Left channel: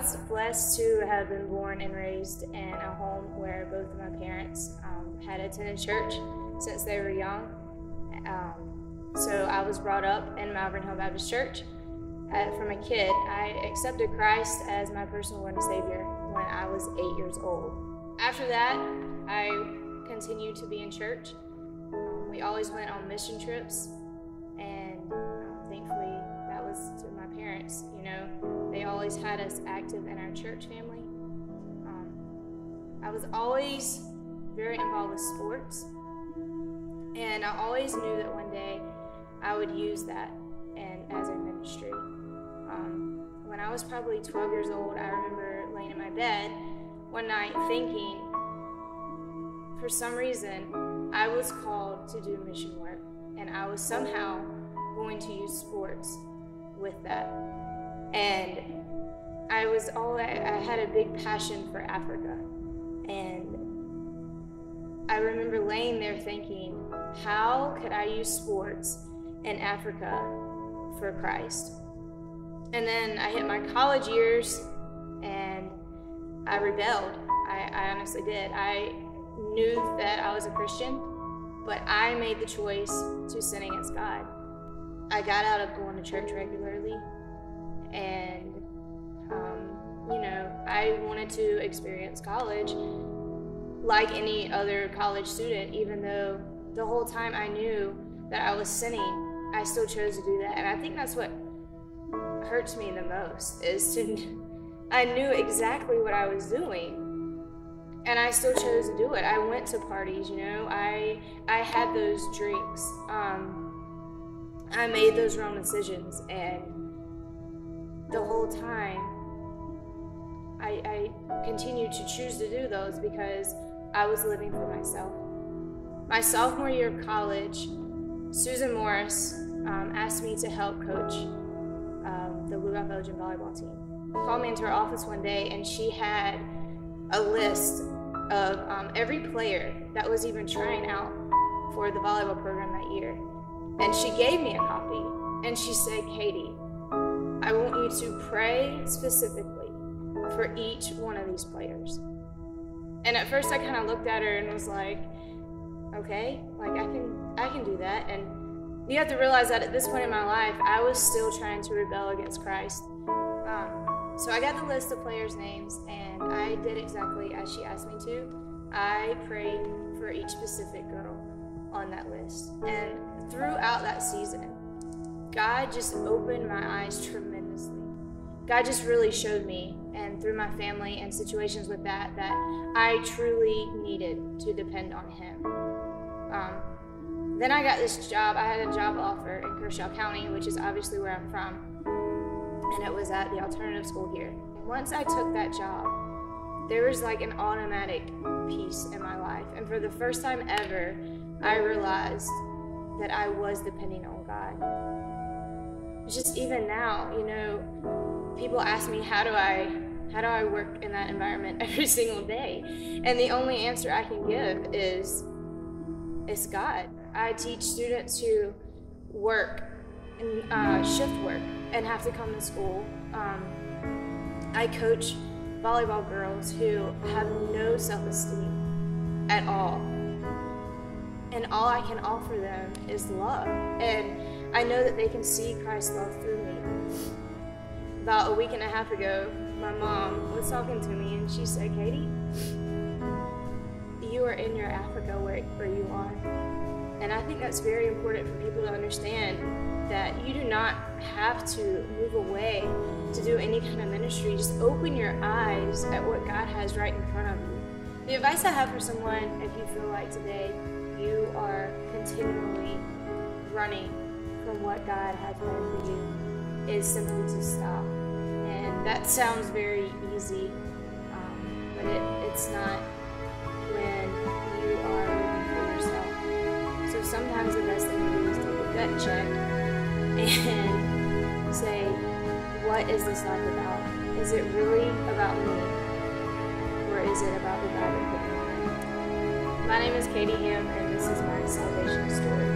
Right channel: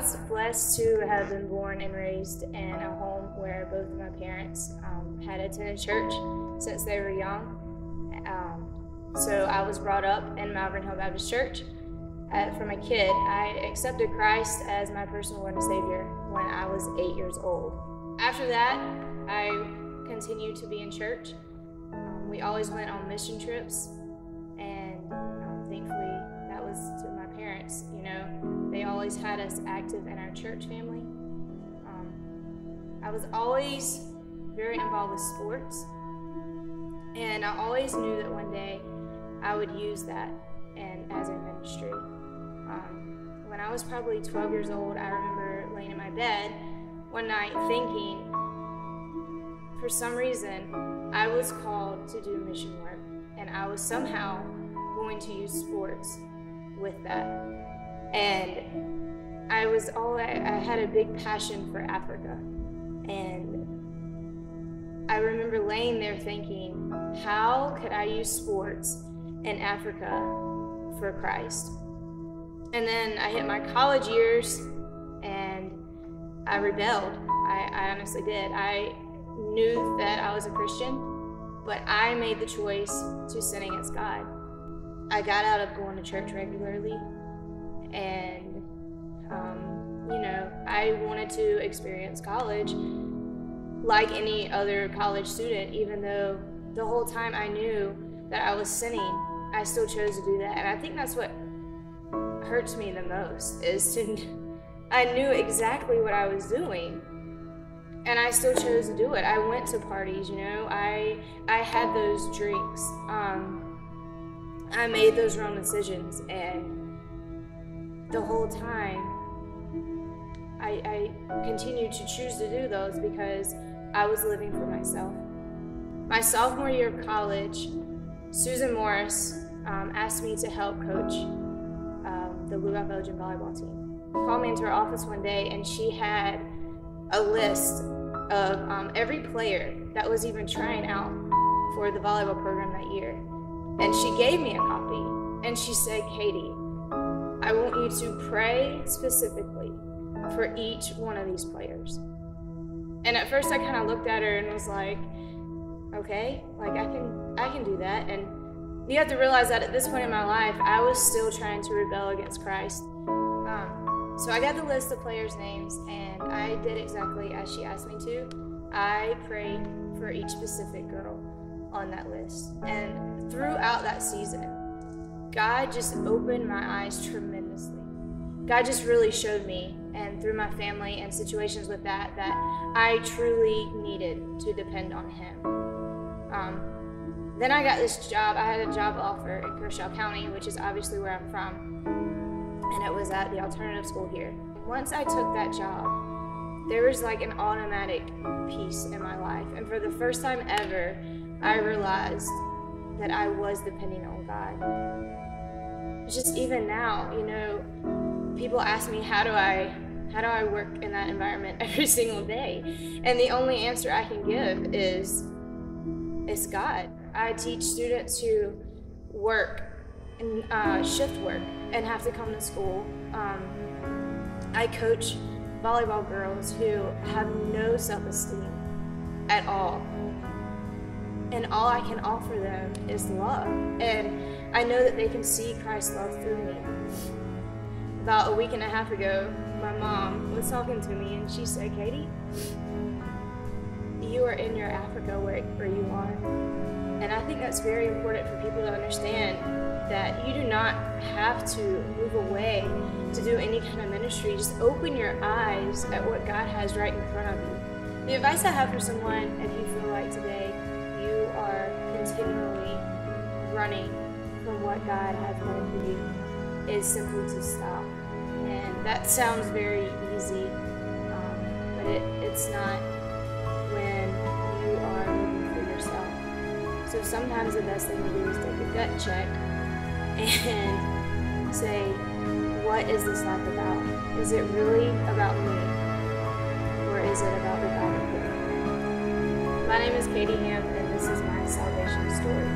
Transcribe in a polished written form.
was blessed to have been born and raised in a home where both of my parents had attended church since they were young. So I was brought up in Malvern Hill Baptist Church. From a kid, I accepted Christ as my personal Lord and Savior when I was 8 years old. After that, I continued to be in church. We always went on mission trips, and thankfully that was to my parents. You know, they always had us active in our church family. I was always very involved with sports, and I always knew that one day I would use that and as a ministry. When I was probably 12 years old, I remember laying in my bed one night thinking, for some reason, I was called to do mission work, and I was somehow going to use sports with that. And I had a big passion for Africa, and I remember laying there thinking, how could I use sports in Africa for Christ? And then I hit my college years and I rebelled. I honestly did. I knew that I was a Christian, but I made the choice to sin against God. I got out of going to church regularly, and I wanted to experience college like any other college student. Even though the whole time I knew that I was sinning, I still chose to do that. And I think that's what hurts me the most, is I knew exactly what I was doing, and I still chose to do it. I went to parties, I had those drinks. I made those wrong decisions, and the whole time I continued to choose to do those because I was living for myself. My sophomore year of college, Susan Morris asked me to help coach the Blue Rock Belgian volleyball team. She called me into her office one day, and she had a list of every player that was even trying out for the volleyball program that year. And she gave me a copy, and she said, Katie, I want you to pray specifically for each one of these players. And at first I kind of looked at her and was like, okay, like I can do that. And you have to realize that at this point in my life, I was still trying to rebel against Christ. So I got the list of players' names, and I did exactly as she asked me to. I prayed for each specific girl on that list. And throughout that season, God just opened my eyes tremendously. God just really showed me, and through my family and situations with that I truly needed to depend on Him. Then I got this job. I had a job offer in Kershaw County, which is obviously where I'm from, and it was at the alternative school here. Once I took that job, there was like an automatic peace in my life, and for the first time ever, I realized that I was depending on God. Just even now, people ask me, how do I work in that environment every single day? And the only answer I can give is, it's God. I teach students who work and shift work and have to come to school. I coach volleyball girls who have no self-esteem at all. And all I can offer them is love. And I know that they can see Christ's love through me. About a week and a half ago, my mom was talking to me, and she said, Katie, you are in your Africa where you are. And I think that's very important for people to understand, that you do not have to move away to do any kind of ministry. Just open your eyes at what God has right in front of you. The advice I have for someone, if you feel like today you are continually running from what God has planned for you, is simply to stop. And that sounds very easy, but it's not when you are living for yourself. So sometimes the best thing to do is take a gut check and say, what is this life about? Is it really about me? Or is it about the God that put me in? My name is Katie Ham, and this is my salvation story.